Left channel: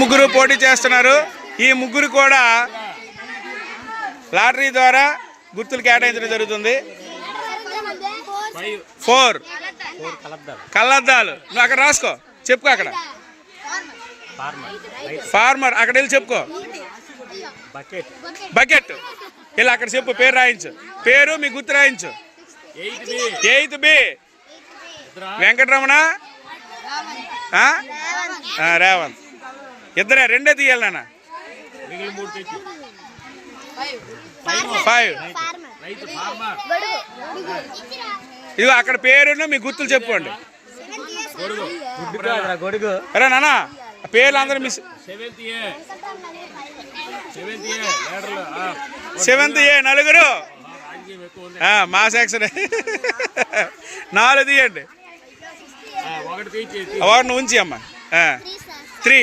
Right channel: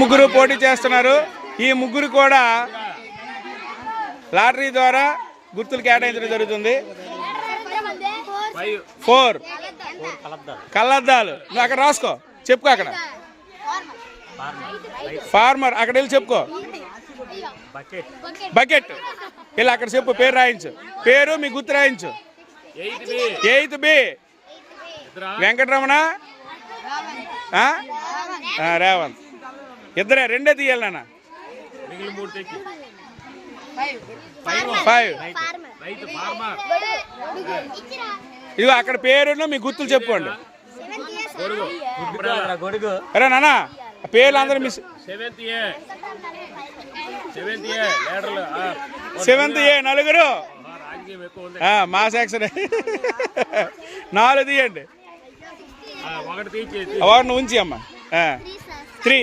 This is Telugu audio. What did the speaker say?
ముగ్గురు పోటీ చేస్తున్నారు. ఈ ముగ్గురు కూడా లాటరీ ద్వారా గుర్తులు కేటాయించడం జరుగుతుంది. 4 కళ్ళద్దాలు. నువ్వు అక్కడ రాసుకో, చెప్పుకో. అక్కడ ఫార్మర్, అక్కడ వెళ్ళి చెప్పుకో. బకెట్ వెళ్ళి అక్కడ చెప్పు, పేరు రాయించు. పేరు మీ గుర్తు రాయించు. 8th B Venkataramana, Revanth. ఇద్దరే, 2 తీయాలి నాన్న. 5 ఇదిగో అక్కడ పేరును మీ గుర్తులు చెప్పుకోండి. అరే నాన్న, పేర్లు అందరూ మిస్. 7th A నలుగురు, మా సెక్షన్. 4 తీయండి. 1 ఉంచి అమ్మా. 3